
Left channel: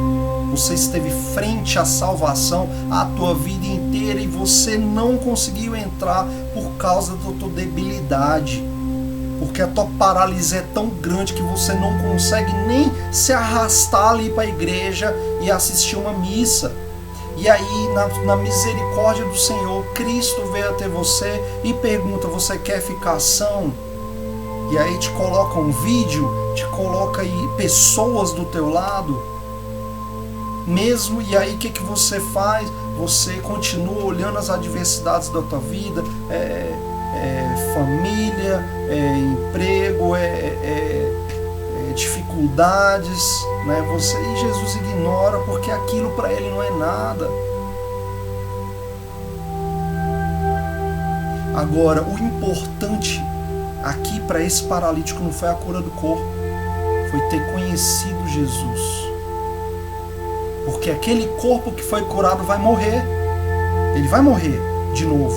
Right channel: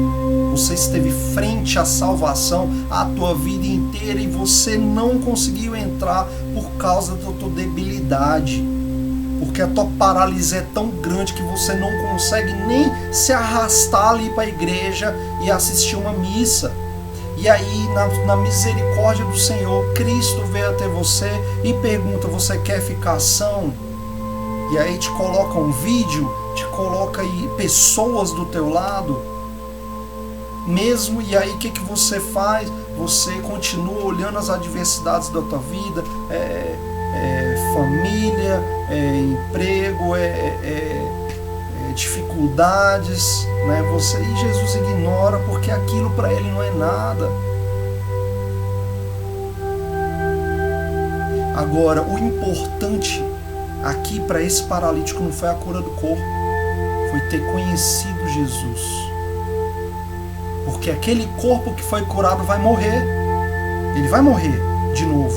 Você esteve frente à salvação a tua vida inteira e você não conseguiu entrar por causa da tua debilidade. Porque a tua paralisia é tão grande que você não consegue nem se arrastar ali para a igreja e assistir uma missa. E aí, na misericórdia do Senhor, Cristo veio até você e pergunta: você quer ficação? E aí te coloca um vídeo, te coloca aí pessoas do teu lado mesmo, e aí o que você faz? Você continua olhando as adversidades da tua vida, família, emprego, dificuldades, né? E Jesus ignora, porque aquilo para ele não é nada. Agora, o importante aqui para esse paralítico não foi a cura do corpo, foi ter conhecido Jesus. Porque aquele corpo que foi curado vai morrer. Ele vai morrer de novo.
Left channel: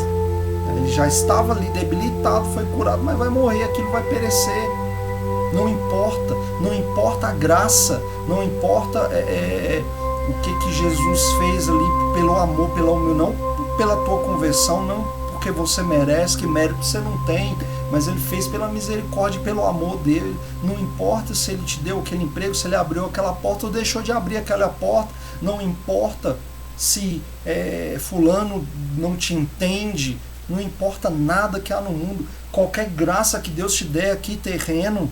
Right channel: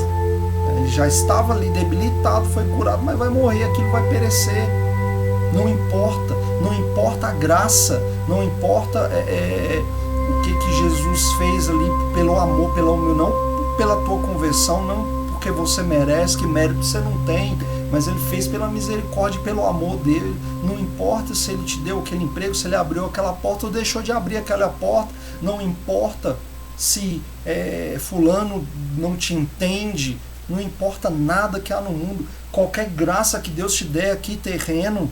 Ele já estava ali debilitado, foi curado, mas vai morrer, aquilo vai perecer. Não importa a graça, não importa o que Jesus fez ali pelo amor, não pela tua conversão, não porque você merece, que mérito você não tem, mas ele fez pela misericórdia e pelo amor dele. Não importa se ele te deu aquele emprego, se ele abriu aquela porta ou deixou de abrir aquela porta, não importa se fulano não te entende, não importa nada que há no mundo. Qualquer graça que Deus te der aqui terreno,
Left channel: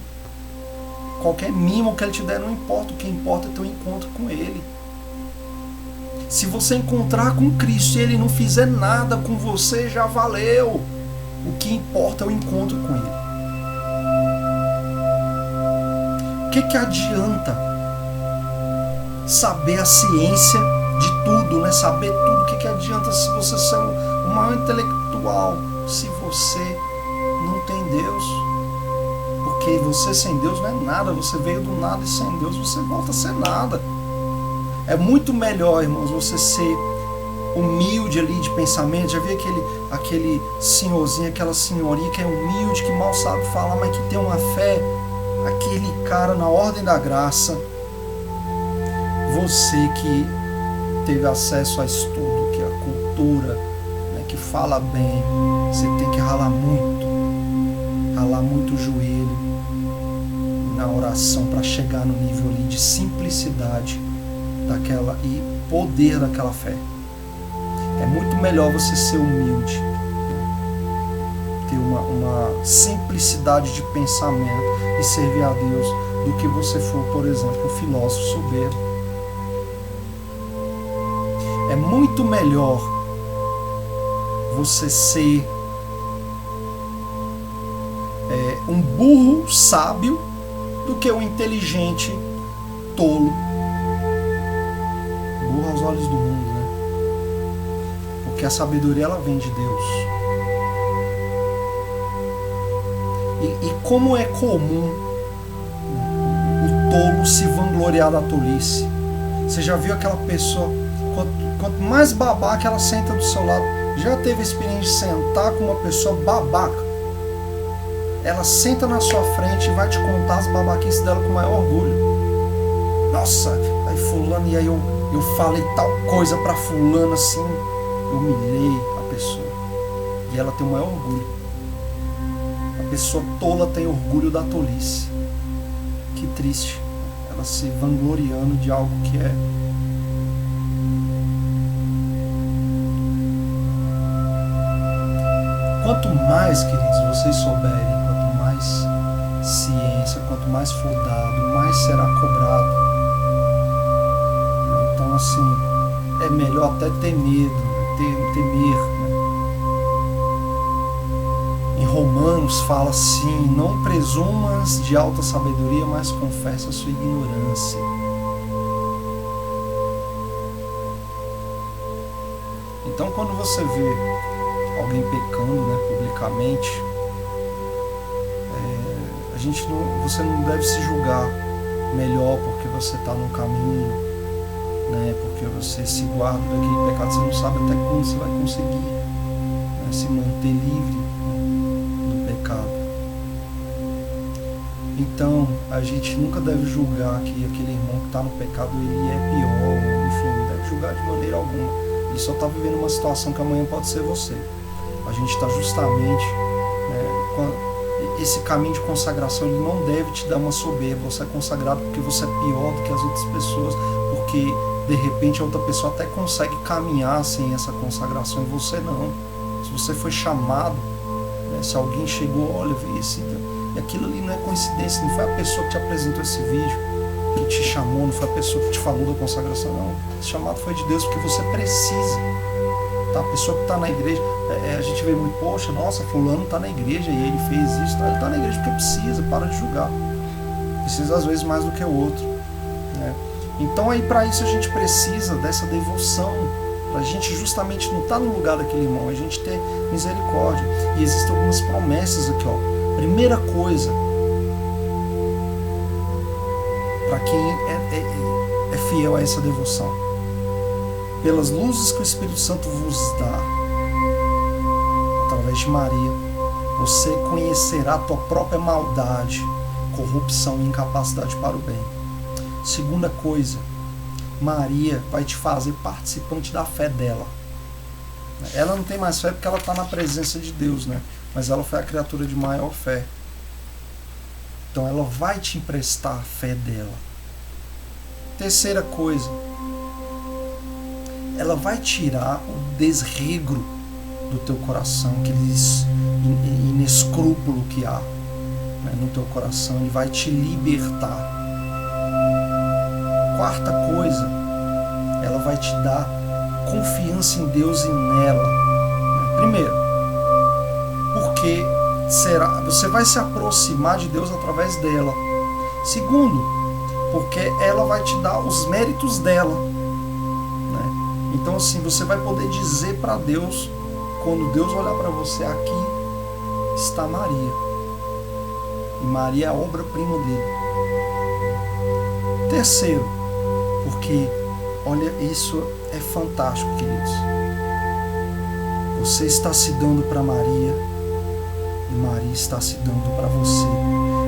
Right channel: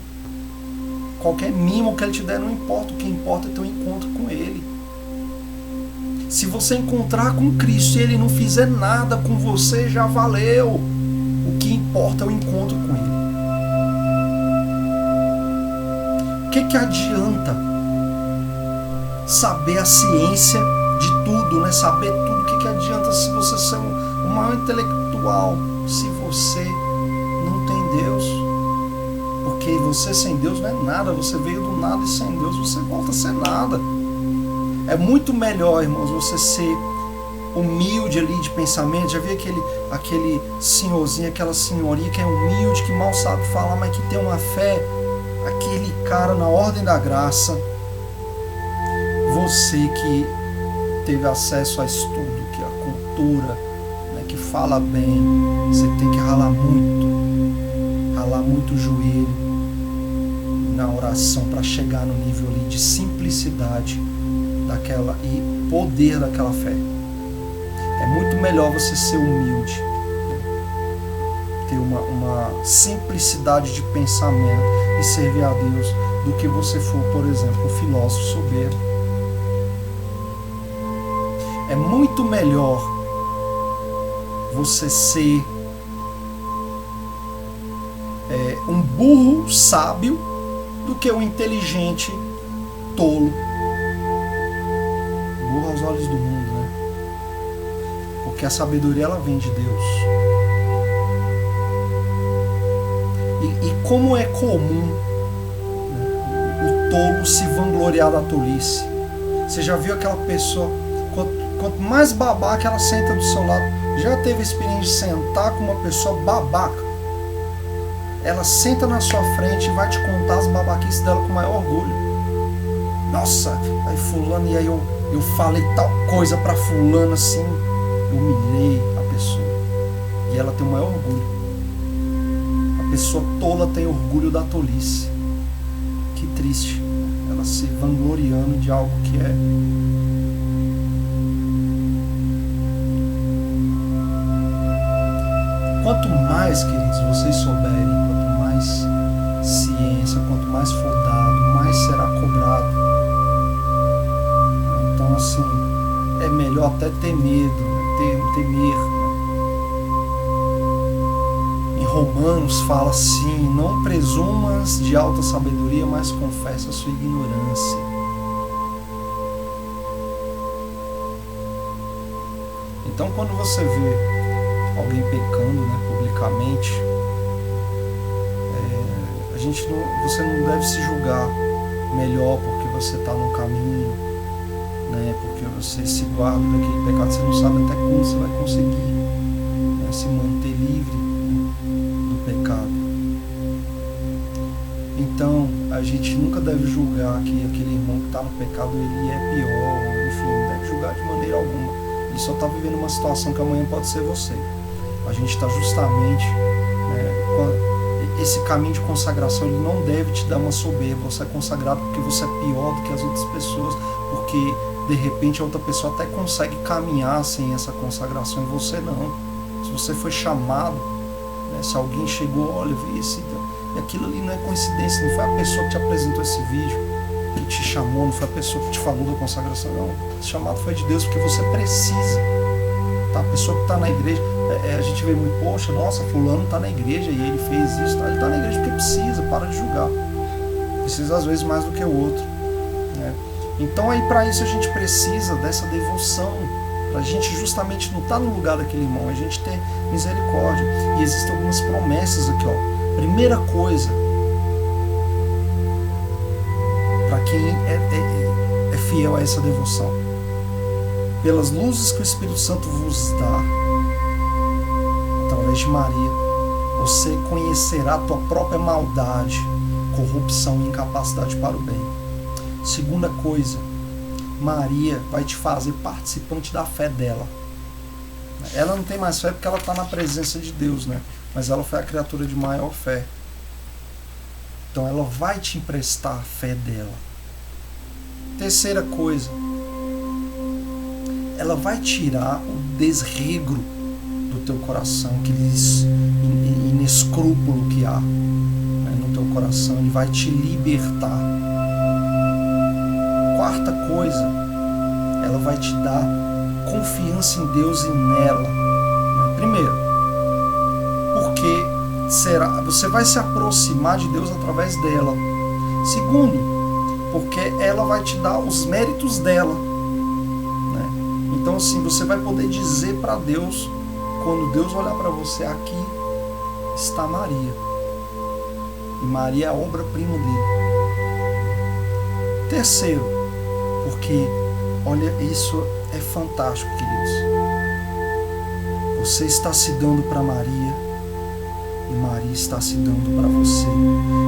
qualquer mimo que ele te der, não importa. O que importa é teu encontro com ele. Se você encontrar com Cristo e ele não fizer nada com você, já valeu. O que importa é o encontro com ele. O que adianta saber a ciência de tudo, né? Saber tudo. O que adianta se você ser o maior intelectual, se você não tem Deus? Porque você sem Deus não é nada. Você veio do nada e sem Deus você volta a ser nada. É muito melhor, irmãos, você ser humilde ali de pensamento. Já vi aquele senhorzinho, aquela senhorinha que é humilde, que mal sabe falar, mas que tem uma fé. Aquele cara na ordem da graça. Você que teve acesso a estudo, que é a cultura, né, que fala bem, você tem que ralar muito o joelho na oração para chegar no nível ali de simplicidade daquela e poder daquela fé. É muito melhor você ser humilde. ter uma simplicidade de pensamento e servir a Deus do que você for, por exemplo, um filósofo soberbo. É muito melhor você ser um burro sábio do que um inteligente tolo. Burro aos olhos do mundo, né? Porque a sabedoria, ela vem de Deus. E como é comum, né, o tolo se vangloriar da tolice. Você já viu aquela pessoa, quanto mais babaca ela senta do seu lado, já teve a experiência de sentar com uma pessoa babaca? Ela senta na sua frente e vai te contar as babaquices dela com o maior orgulho. Nossa, aí fulano, e aí eu falei tal coisa pra fulano assim, eu humilhei a pessoa. E ela tem o maior orgulho. A pessoa tola tem orgulho da tolice. Que triste. Ela se vangloriando de algo que é. Quanto mais, queridos, vocês souberem, quanto mais ciência, quanto mais for dado, mais será cobrado. Então, assim, é melhor até ter medo, né? temer. Né? Em Romanos fala assim: não presumas de alta sabedoria, mas confessa a sua ignorância. Então, quando você vê alguém pecando, né, publicamente, você não deve se julgar melhor porque você está no caminho, né, porque você se guarda daquele pecado. Você não sabe até quando você vai conseguir, né, se manter livre, né, do pecado. Então, a gente nunca deve julgar que aquele irmão que está no pecado ele é pior, enfim, não deve julgar de maneira alguma. Ele só está vivendo uma situação que amanhã pode ser você. A gente está justamente, né, esse caminho de consagração, ele não deve te dar uma soberba. Você é consagrado porque você é pior do que as outras pessoas, porque de repente a outra pessoa até consegue caminhar sem essa consagração e você não. Se você foi chamado, né, se alguém chegou, olha, vê esse, e aquilo ali não é coincidência, não foi a pessoa que te apresentou esse vídeo, que te chamou, não foi a pessoa que te falou da consagração, não. Esse chamado foi de Deus, porque você precisa. Tá? A pessoa que está na igreja, a gente vê muito, poxa, nossa, fulano está na igreja e ele fez isso, tá? Ele está na igreja porque precisa, para de julgar. Precisa às vezes mais do que o outro, né? Então aí para isso a gente precisa dessa devoção, para a gente justamente não estar no lugar daquele irmão, a gente ter misericórdia. E existem algumas promessas aqui, ó. Primeira coisa, para quem é fiel a essa devoção: pelas luzes que o Espírito Santo vos dá, através de Maria, você conhecerá a tua própria maldade, corrupção e incapacidade para o bem. Segunda coisa, Maria vai te fazer participante da fé dela. Ela não tem mais fé porque ela está na presença de Deus, né? Mas ela foi a criatura de maior fé. Então ela vai te emprestar a fé dela. Terceira coisa, ela vai tirar o desregro do teu coração, aquele inescrúpulo que há, né, no teu coração. Ele vai te libertar. Quarta coisa, ela vai te dar confiança em Deus e nela, né? Primeiro, porque você vai se aproximar de Deus através dela. Segundo, porque ela vai te dar os méritos dela, né? Então assim, você vai poder dizer para Deus, quando Deus olhar para você: aqui está Maria. E Maria é a obra-prima dele. Terceiro, porque, olha, isso é fantástico, queridos. Você está se dando para Maria e Maria está se dando para você.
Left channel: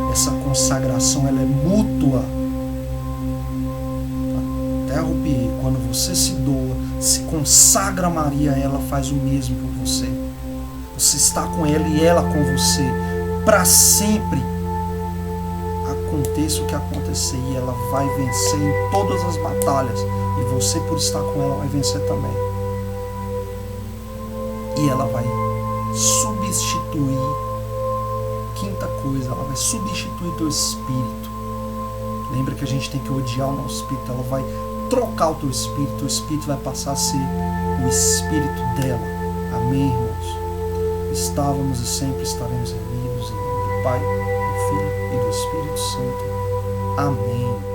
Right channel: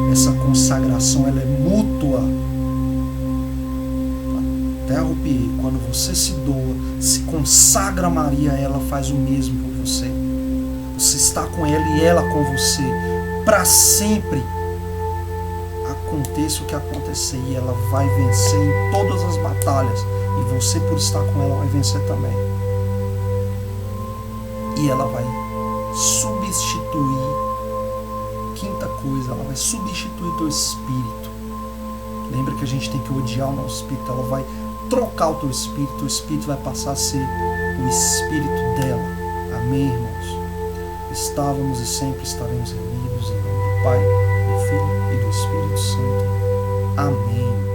Essa consagração, ela é mútua. Até arrupiei. Quando você se doa, se consagra a Maria, ela faz o mesmo por você. Você está com ela e ela com você. Para sempre. Aconteça o que acontecer, e ela vai vencer em todas as batalhas. E você, por estar com ela, vai vencer também. E ela vai substituir. Quinta coisa, ela vai substituir teu espírito. Lembra que a gente tem que odiar o nosso espírito, ela vai trocar o teu espírito vai passar a ser o espírito dela. Amém, irmãos? Estávamos e sempre estaremos reunidos em nome do Pai, do Filho e do Espírito Santo. Amém.